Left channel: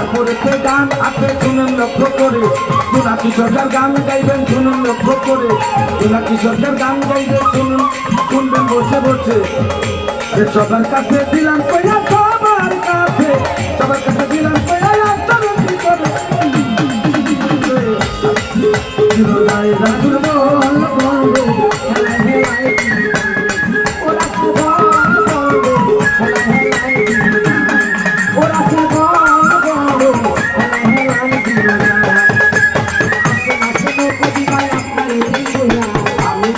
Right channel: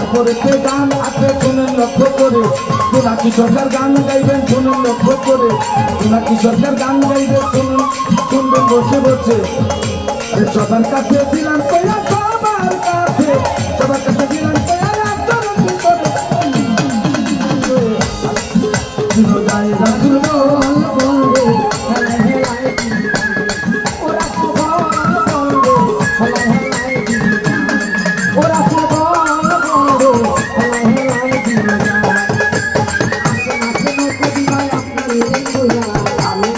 তারপরে তে গান আছে, শুনেন লক্ষ্য করে। সোনা কিশোরের গান গাইবেন, শুনুন লক্ষ্য করে। সোনা কিশোরের গান গাইবেন, শুনুন, শুনবেন বসে বসে। সবার কাছে দিলাম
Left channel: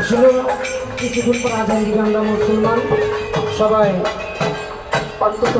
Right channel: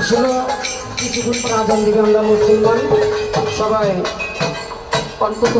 আসলে কিছুক্ষণ পর আজান দিবেন মুসলমান সবাই অন্তত